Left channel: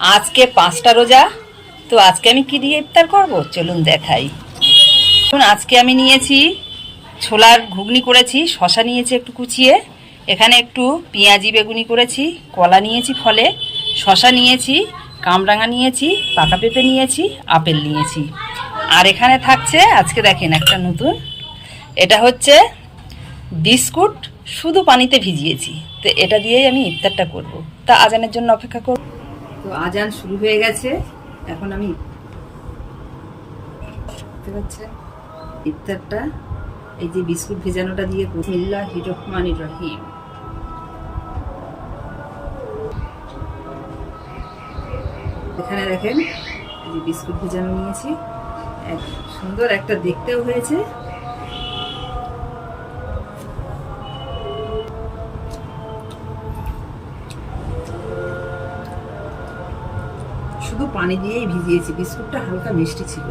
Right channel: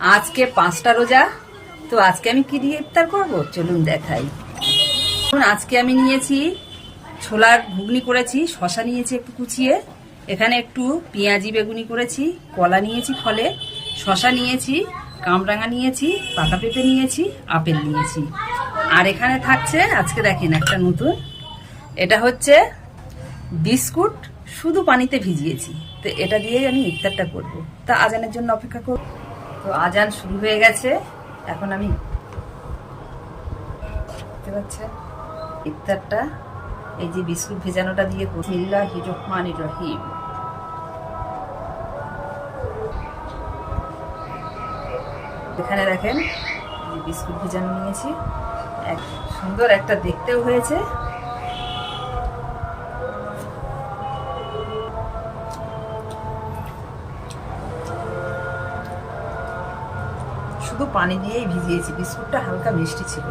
আজকে 5টা রোজা। তো আজকে আমি কি দিয়ে ইফতার করব চলুন দেখাই। আজকে আমি নিয়েছি ছোলার ঘুগনি করেছি, শশা নিয়েছি একটু কুচিয়ে, এখানে একটু পেঁয়াজি বেগুনি করেছি, কলা নিয়েছি ফলে, শশা নিয়েছি, কামরাঙা নিয়েছি, পাকা পেঁপে নিয়েছি, আপেল নিয়েছি। আর এখানে থাকছে আজকে দেখেন একটা নতুন, এটা হচ্ছে বিস্কুট, শুধু পানিতে ভিজিয়েছি। তো এটা দিয়েই আমি ইফতারটা করব। তা আজানের জন্য অপেক্ষা করব। তো আজান শুরু হয়ে গেছে, এখন আমি দেখতে পাচ্ছেন ইফতারটা এই যে বিস্কুট ভেজানোটা দিয়ে বিসমিল্লাহির রহমানির রহিম। এখানে দেখেন এই বিস্কুট ভেজানো নিয়েছি, এক সুন্দর একটা দেখতেও হয়েছে। শুধু পানি দিয়েই ভিজিয়েছি, বিস্কুটটা হালকা মিষ্টি ছিল।